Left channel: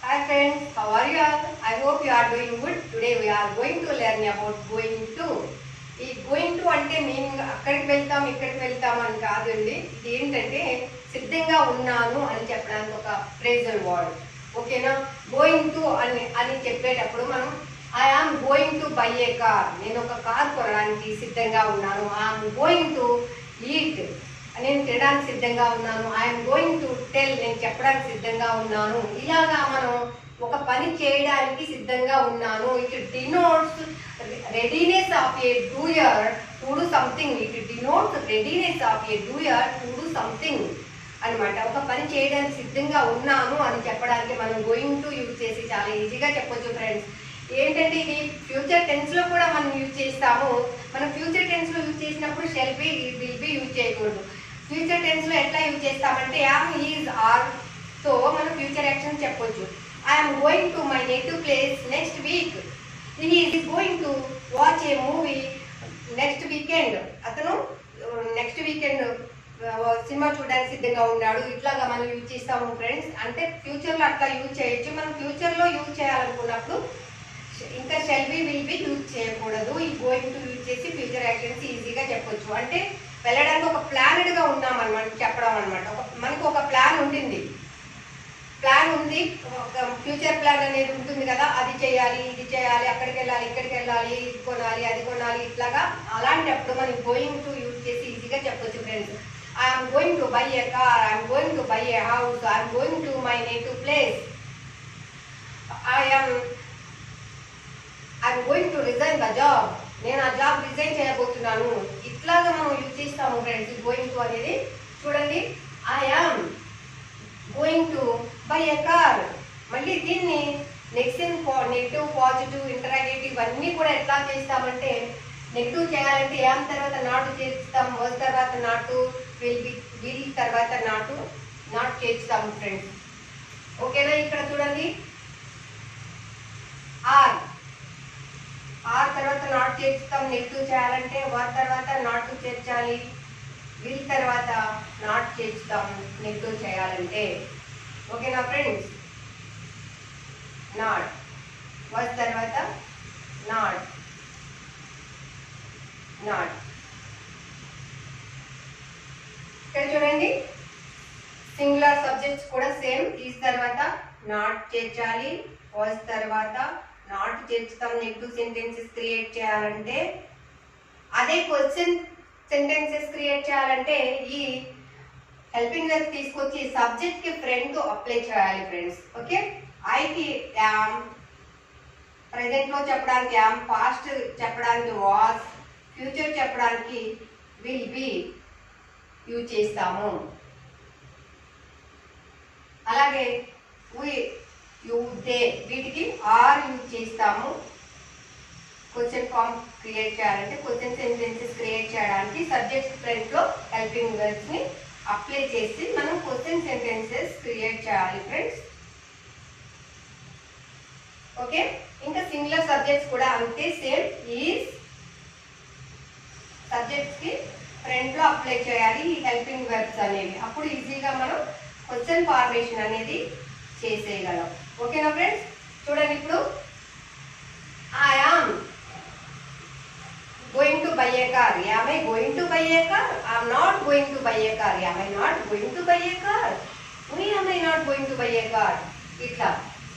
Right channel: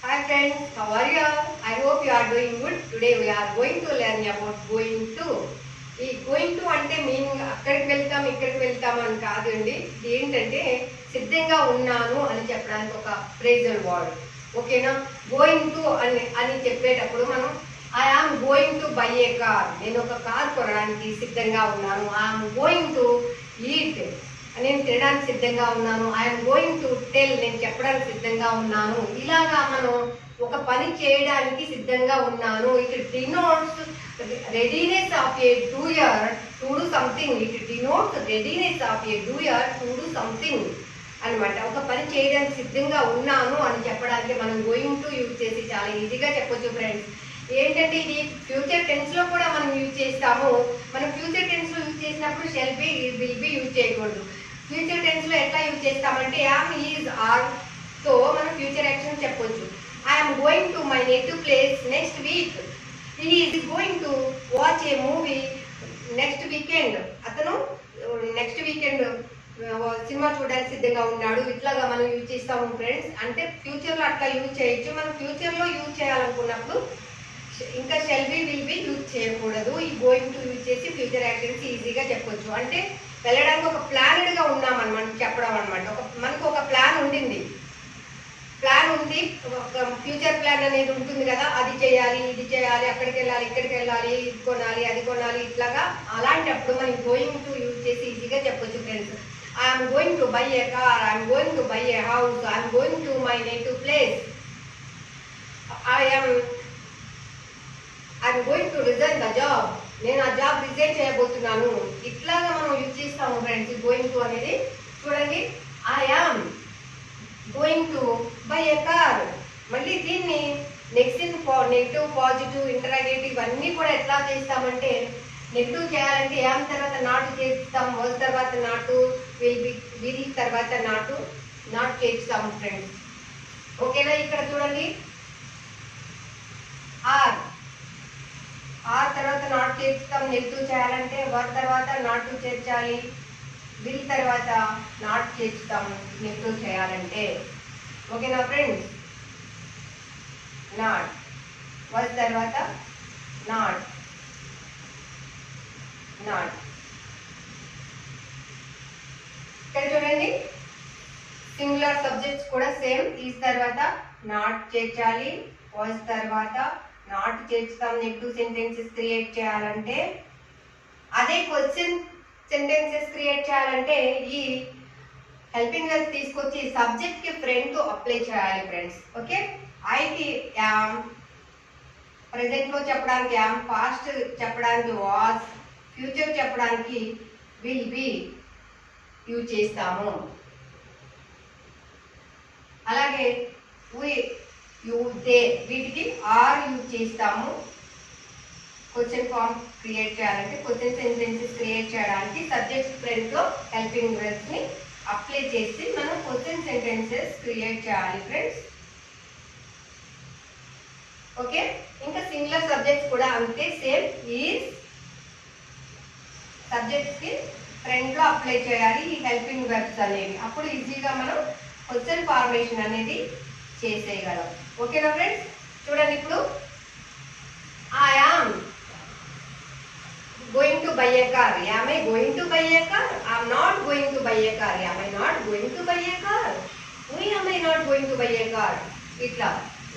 Hi friends, how are you all? I hope you are doing good. Today we are going to learn about going to. ఈ going to అంటే meaning అక్కడికి వెళ్తాం ఇక్కడికి వెళ్తాం అని కాదండి. ఇది ఏంటంటే సిద్ధంగా ఉన్నాను అని చెప్పడానికి ఒక ఫ్రేజల్ వర్డ్. ఓకేనా? గోయింగ్ టు అని చెప్పేటప్పుడు మనం I am going to buy a car, నేను ఒక కార్ కొనడానికి సిద్ధంగా ఉన్నాను. ఐఎమ్ గోయింగ్ టు ఈట్, నేను తినడానికి సిద్ధంగా ఉన్నాను. ఐఎమ్ గోయింగ్ టు టెల్, నేను చెప్పడానికి సిద్ధంగా ఉన్నాను. ఇలాగా మనం ఒక పని చేయడానికి సిద్ధంగా ఉన్నాను. It denotes readiness of a doer to do something. It denotes readiness of a doer to do something అనమాట. ఒక పని చేయడానికి సిద్ధంగా ఉన్నాను అని చెప్పడానికి మనం గోయింగ్ టు యూజ్ చేసి చాలా ఈజీగా చెప్పొచ్చు ఫ్రెండ్స్. ఏంటంటే ఇది ఫ్యూచర్ టెన్స్ లో కూడా మనం యూజ్ చేస్తాము. మనం ఫ్యూచర్ టెన్స్ లో యూజ్ చేసినప్పుడు shall be, will be use చేయకూడదు. ఫ్యూచర్ టెన్స్ లో ఎట్లా యూజ్ చేస్తామంటే యామ్, ఈజ్, ఆర్ తో మనం ఫ్యూచర్ యాక్షన్ చెప్పొచ్చు. I'm going to my native place next week. He is going to watch A movie next weekend. అతను next weekend cinema చూడడానికి సిద్ధంగా ఉన్నాడు. ఇట్లాగా మనం యూజ్ చేస్తాము ఫ్రెండ్స్. అంటే ఫ్యూచర్ లో అట్లా యూజ్ చేయొచ్చు. మనం ఫ్యూచర్ లో యూజ్ చేయాలనుకున్నప్పుడు ఇంకా shall be, will be use చేయకూడదు. ఈ గోయింగ్ టు యూజ్ చేసి ఫ్యూచర్ యాక్షన్స్ ఈజీగా చెప్పొచ్చు. అంటే వెళ్ళడానికి ఒక ప్లానెడ్ గా ఉన్నామన్నమాట చెప్పడం అనమాట. మనకు ఒక ప్లాన్ ఉంటుంది, ఒక ఫ్యూచర్ ప్లాన్ అనేది ఉంటుంది కదా. అది చేయాలి, ఇది చేయాలి, అక్కడికి వెళ్ళాలి, ఇక్కడికి వెళ్ళాలి, ఇది కొనాలి, అది కొనాలి, ఇట్లాగా. అలాంటప్పుడు మనం గోయింగ్ టు యూజ్ చేసి ఈజీగా చెప్పొచ్చు friends. I'm going to buy a car, I'm going to buy A house, I'm going to my native place, I'm going to resign the job, నేను ఆ జాబ్ రిజైన్ చేయబోతున్నాను. ఇట్లాగా మనం యూజ్ చేస్తాము friends going to అనేది. చూడండి, I am going to buy a car. మళ్ళీ దీన్ని నెగటివ్, పాజిటివ్, ఇంటరాగేటివ్ అన్నీ కూడా ఎట్లా చేస్తామంటే నెగిటివ్ చేయాలంటే యామ్ తర్వాత నాటు చేస్తాం, వాజ్ తర్వాత నాటు, విల్ తర్వాత నాట్ చేస్తాము ఫ్రెండ్స్. ఓకేనా? ఇక్కడ చూడండి, ఆర్ తర్వాత నాట్ చేస్తాం నెగిటివ్ చేయాలంటే, వర్ తర్వాత నాటు చేర్చాలి, విల్ తర్వాత నాట్ చేస్తాం నెగిటివ్ చేయాలంటే. ఓకేనా ఫ్రెండ్స్? నాట్, వర్ తర్వాత నాట్. ఇక్కడ చూడండి, సింగులర్ సబ్జెక్ట్స్ కూడా సేమ్. ఈజ్ తర్వాత నాట్ చేర్చాలి, వాజ్ తర్వాత నాట్ చేర్చుతాం నెగిటివ్ సెంటెన్సెస్ క్రియేట్ చేయాలంటే. అదే క్వశ్చన్ సెంటెన్సెస్ క్రియేట్ చేయాలంటే ఈ హెల్పింగ్ వర్బ్ తీసుకొచ్చి సబ్జెక్ట్ కి ఫ్రెండ్ తో అప్లై చేయాలి ఫ్రెండ్స్. ఓకే? ఐకి యామ్, ప్రెసెంట్ లో చెప్పడానికి యామ్, పాస్ట్ చెప్పడానికి వాజ్, ఫ్యూచర్ చెప్పడానికి విల్ బి యూజ్ చేస్తాము. అలాగే వి, యూ, దే వీటికి ఆర్ యూజ్ చేస్తాము. క్వశ్చన్ ఫామ్ క్రియేట్ చేయాలంటే, క్వశ్చన్ సెంటెన్సెస్ క్రియేట్ చేయడానికి సబ్జెక్ట్ ఫ్రంట్ లో హెల్పింగ్ వర్బ్స్ ని అప్లై చేసి మనం క్వశ్చన్ సెంటెన్సెస్ క్రియేట్ చేయాలి ఫ్రెండ్స్. ఓకే? ఇంకా సింగులర్ సబ్జెక్ట్స్ కూడా అంతే సేమ్. ఈజ్ సబ్జెక్ట్స్ కి ఫ్రంట్ లో అప్లై చేయాలి ఈ హెల్పింగ్ వర్బ్స్ అనేవి. అప్పుడు ఈజీగా మనం క్వశ్చన్ ఫార్మేషన్ అనేది చేసేయగలం. ఓకేనా ఫ్రెండ్స్? చూడండి, ఇప్పుడు I am going to buy a car. Am I going to buy a car? I am not going to buy a car. Am I not going to buy a car? Why am I not going to buy a car? ఇట్లా.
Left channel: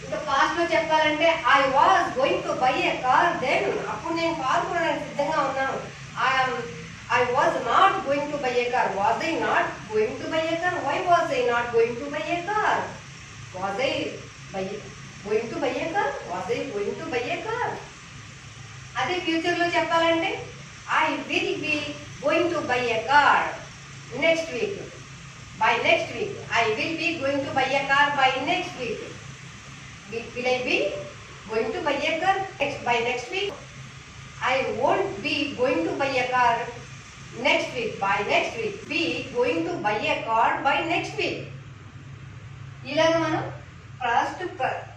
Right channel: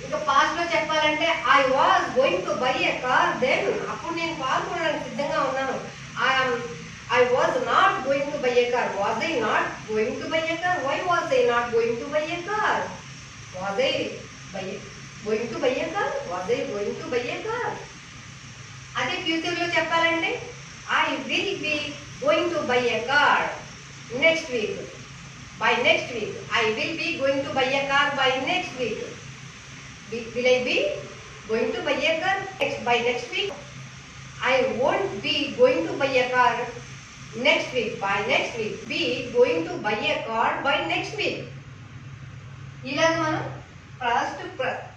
ఇంకా past లో చెప్పాలంటే I was going to buy a car then. అప్పుడు నేను car కొనడానికి సిద్ధంగా ఉన్నాను. I was not going to buy a car. Was I not going to buy a car? Why was I not going to buy a car? Was I going to buy a car? Was I going to buy a car? అదే future లో చెప్పాలంటే I will be going to by a car next week. By next week I will be going to by a car by next week. Will I be going to by a car by next week. I won't be going to by a car next week. By next week B going to by a car by next week. ఇలాగ మనం past,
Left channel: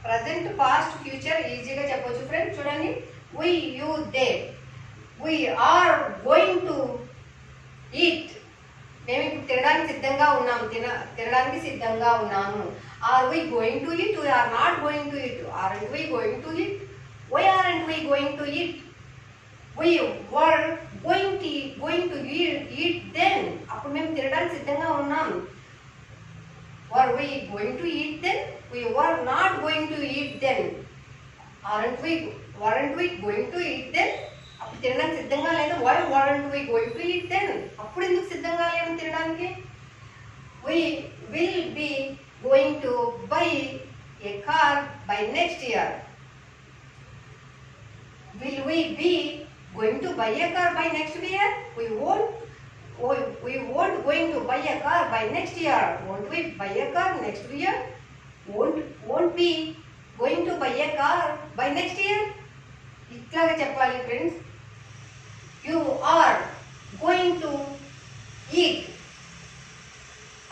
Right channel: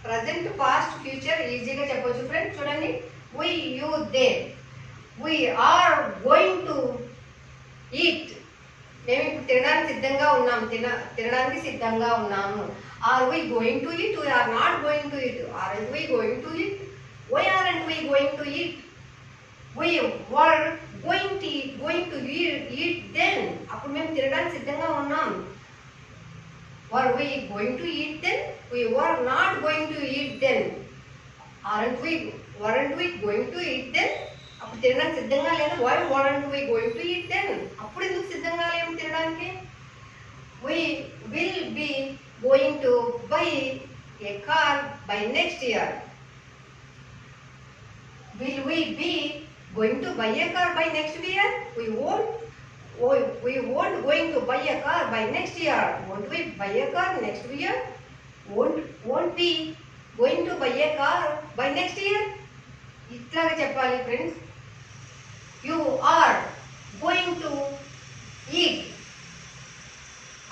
present, past, future ఈజీగా చెప్పొచ్చు friends. చూడండి, we, you, they. We are going to eat మేము ఇప్పుడు తినడానికి సిద్ధంగా ఉన్నాము, తినడానికి సిద్ధంగా ఉన్నాము. Are we going to eat? We are not going to eat. Aren't we going to eat? Why aren't we going to eat? We were going to eat then. అప్పుడు మేము తినడానికి సిద్ధంగా ఉన్నాం. Were we going to eat then? We were not going to eat then. Weren't we going to eat then? అప్పుడు తినడానికి సిద్ధంగా లేదు. Why weren't we going to eat then? అప్పుడు ఎందుకు సిద్ధంగా లేము తినడానికి? We will be going to buy a car by next year. Will we be going to buy a car by next year? We won't going to buy a car by next year. Won't we buy a car next year? Won't be going to buy a car by next year? ఇట్లాగా చెప్పాలి friends. You are going to eat.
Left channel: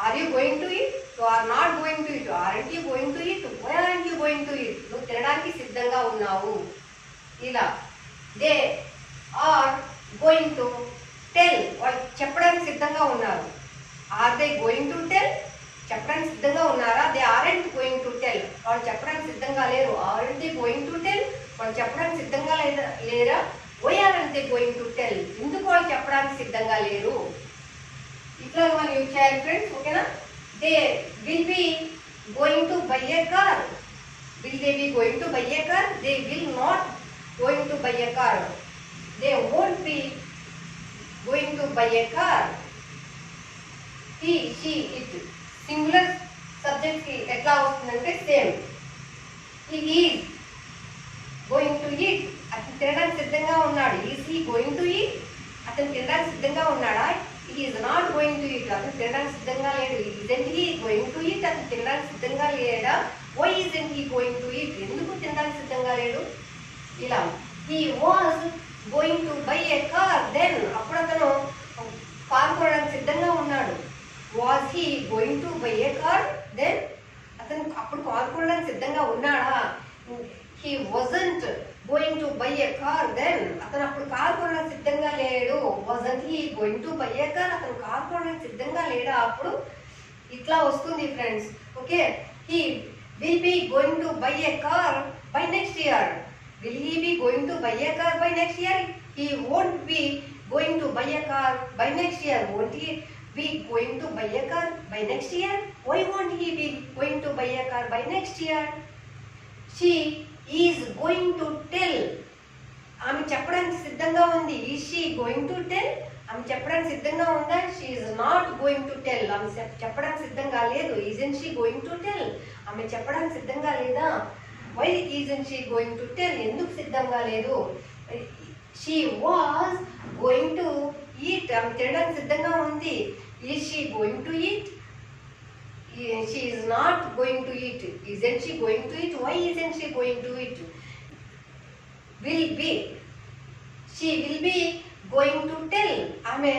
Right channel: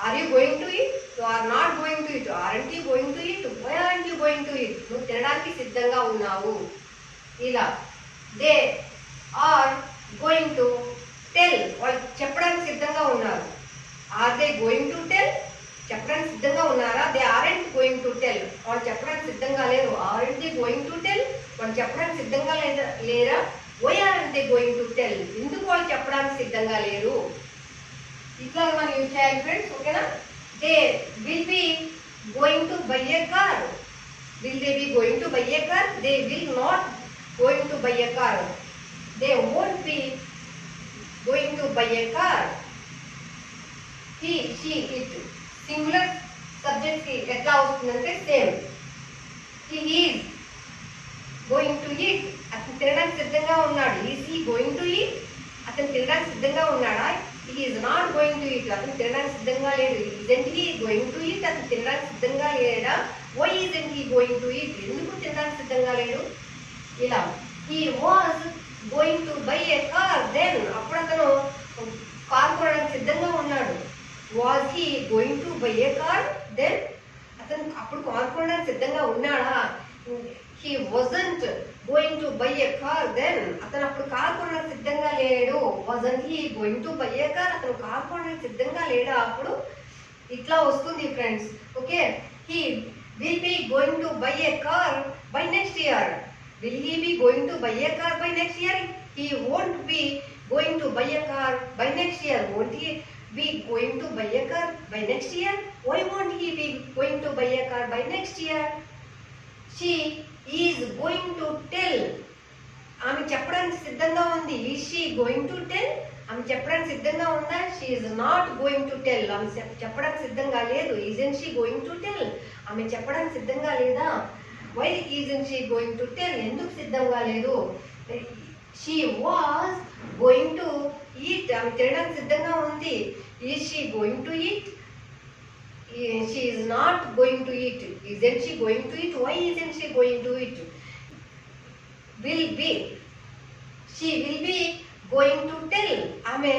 Are you going to eat? You are not going to eat. Aren't you going to eat? Why aren't you going to eat? నువ్వు తినడానికి సిద్ధంగా ఉన్నావు. ఇలా they are going to tell. వాళ్ళు చెప్పడానికి సిద్ధంగా ఉన్నారు. Are they going to tell? చెప్పడానికి సిద్ధంగా ఉన్నారా? They aren't going to tell. వాళ్ళు చెప్పడానికి సిద్ధంగా లేరు. Aren't they going to tell? వాళ్ళు చెప్పడానికి సిద్ధంగా లేరా? Why aren't they going to tell? ఎందుకు వాళ్ళు చెప్పడానికి సిద్ధంగా లేరు? ఇట్లా మనం యూజ్ చేయాలి ఫ్రెండ్స్. ఓకేనా? They will be going to buy a car. Will they be going to buy a car? They will not going to buy a car. They won't be going to buy a car. He, she, it. Singular subject ki etla avustundante same. He is going to eat. అతను తినడానికి సిద్ధంగా ఉన్నాడు. Is he going to eat? అతను తినడానికి సిద్ధంగా ఉన్నాడా? He is not going to eat. అతను తినడానికి సిద్ధంగా లేడు. Isn't he going to eat? అతను తినడానికి సిద్ధంగా లేడా? Why isn't he going to eat? ఎందుకు తినడానికి సిద్ధంగా లేడు? ఇలా he was going to buy a car then. అప్పుడు అతను కారు కొనడానికి సిద్ధంగా ఉన్నాడు. Was he going to buy a car then? అతను అప్పుడు కారు కొనడానికి సిద్ధంగా ఉన్నాడా? He wasn't going to buy a car then. అతను అప్పుడు కారు కొనడానికి సిద్ధంగా లేడు. Wasn't he going to buy a car? అతను కారు కొనడానికి సిద్ధంగా లేడా? అప్పుడు ఇట్లా వస్తుంది friends. Okay, he will be going to buy a car by next year. Will he be going to buy a car by next year? He won't be going to buy a car by next year. Won't he be going to buy a car by next year? Why won't he be going to buy a car by next year? She is going to tell. ఆమె చెప్పడానికి సిద్ధంగా ఉంది. Is she going to tell? ఆమె చెప్పడానికి సిద్ధంగా ఉందా? She is not going to tell. ఆమె చెప్పడానికి సిద్ధంగా లేదు. Isn't she going to tell? ఆమె చెప్పడానికి సిద్ధంగా లేదా? Why isn't she going to tell? ఎందుకు సిద్ధంగా లేదు? She was going to eat. ఆమె తినడానికి సిద్ధంగా ఉంది. Is she going to eat? She is not going to eat. Isn't she going to eat? Why isn't she going to eat? Will be. She will be going to tell. ఆమె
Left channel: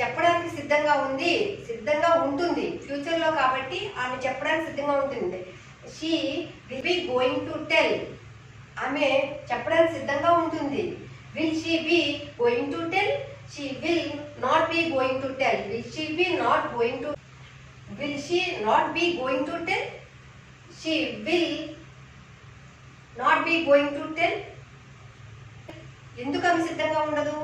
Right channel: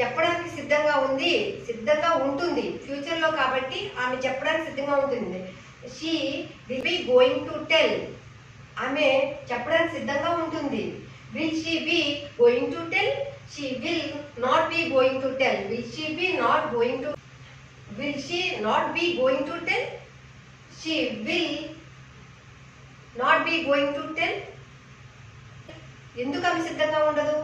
చెప్పడానికి సిద్ధంగా ఉంది, సిద్ధంగా ఉంటుంది. ఫ్యూచర్లో కాబట్టి ఆమె చెప్పడానికి సిద్ధంగా ఉంటుంది. She will be going to tell. ఆమె చెప్పడానికి సిద్ధంగా ఉంటుంది. Will she be going to tell? She will not be going to tell. Will she be not going to? Will she not be going to tell? She will not be going to tell. ఎందుకు ఆమె సిద్ధంగా ఉండదు?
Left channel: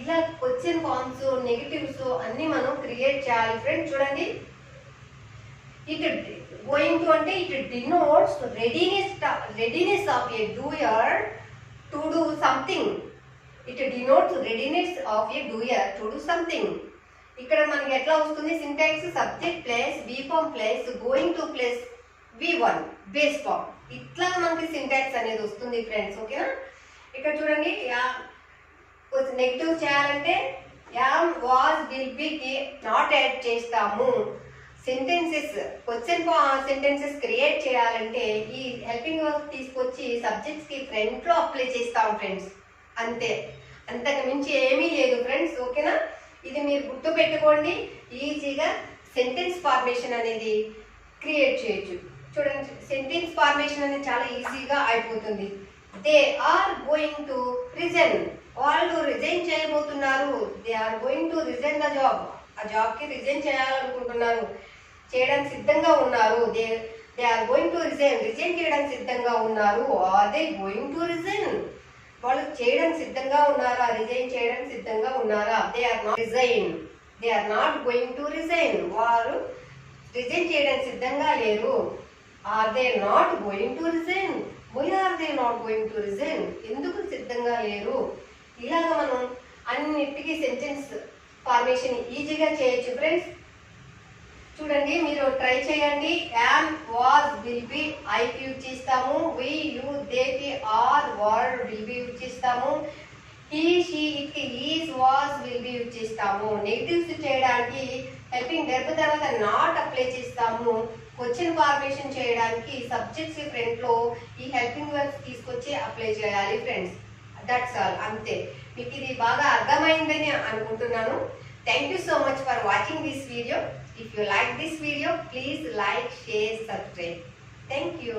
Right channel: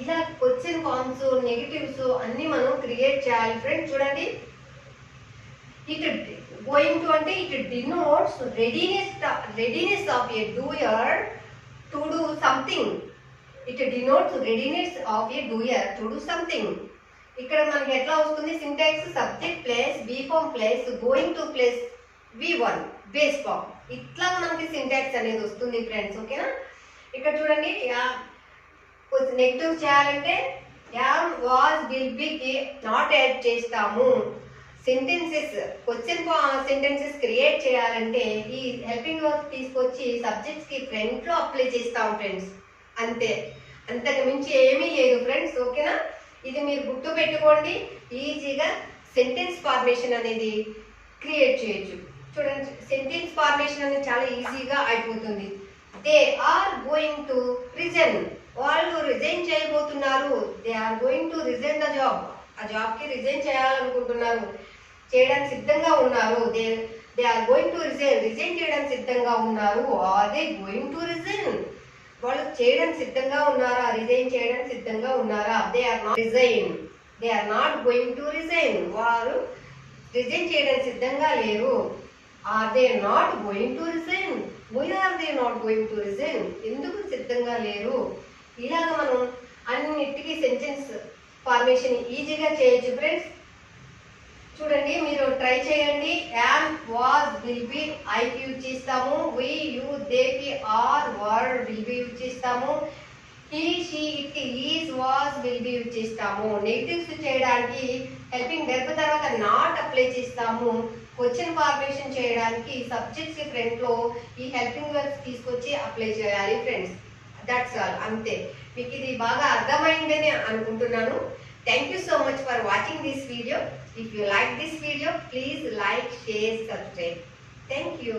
ఇలా question forms, negatives అన్ని మనం create చేయాలి friends. చూడండి, it going to అంటే it denotes readiness of a doer to do something. It denotes readiness of a doer to do something. ఇక్కడ మనకి ఎట్లా వస్తుంది? Syntax subject place be form place going to place V1 base form. ఇట్లా మనకి syntax అనేది వస్తుంది friends. ఓకేనా? ఇక్కడ చూడండి, నెగిటివ్ చేయాలంటే yam, was, will B not add చేస్తాము. సెంటెన్సెస్, క్వశ్చన్ సెంటెన్సెస్ క్రియేట్ చేయాలంటే ఈ హెల్పింగ్ వర్క్ తీసుకొచ్చి సబ్జెక్ట్స్ కి ఫ్రంట్ లో అప్లై చేస్తాం ఫ్రెండ్స్. అంతే, అంతకు మించి ఏమీ లేదు ఫ్రెండ్స్. ఓకేనా? ఇది మీరు గుర్తు పెట్టుకోండి. ఈజీగా సెంటెన్స్ ఫార్మేషన్ అనేది క్రియేట్ చేయొచ్చు. చూడండి, సెంటెన్స్ ఫార్మేషన్ అనేది చాలా ఈజీగా అయిపోతుంది. They are going to resign. వాళ్ళు రిజైన్ చేయబోతున్నారు. They are going to resign the job. ఆ జాబ్కి రిజైన్ చేయాలనుకుంటున్నారు, చేయడానికి సిద్ధంగా ఉన్నారు. They are going to resign చేయడానికి సిద్ధంగా ఉన్నారు. Are they going to resign? వాళ్ళు చేయడానికి సిద్ధంగా ఉన్నారా, రిజైన్ చేయడానికి సిద్ధంగా ఉన్నారా? They are not resign, they are not going to resign. వారు రిజైన్ చేయడానికి సిద్ధంగా లేరు. Are they not going to resign? Why are they not going to resign? ఎందుకు సిద్ధంగా లేరు? ఇలాగ మనం అన్నిటికీ సెంటెన్స్ ఫార్మేషన్ ఈజీగా చేయొచ్చు ఫ్రెండ్స్. చూడండి, మీరు ట్రై చేయండి. యామ్, వాజ్, విల్ బి ఐకి యూజ్ చేస్తాము. వి, యు, దేకి are, were, will be use చేస్తాము. హీ, షీ, ఇట్కి is, was, will be use చేస్తాము. నెగిటివ్స్ చేయడానికి హెల్పింగ్ వెర్బ్ తర్వాత నాట్ అప్లై చేస్తాము. క్వశ్చన్ ఫార్మేషన్ చేయడానికి సబ్జెక్ట్స్ కి ఫ్రంట్ లో ఈ హెల్పింగ్ వెర్బ్స్ తీసుకొచ్చి అప్లై చేయాలి ఫ్రెండ్స్. దట్స్ ఆల్, అంతే. మీకు ఇది బాగా అర్థమైందని అనుకుంటున్నాను. Thank you so much for watching this video. If you like this video, please like, share, subscribe. Thank you.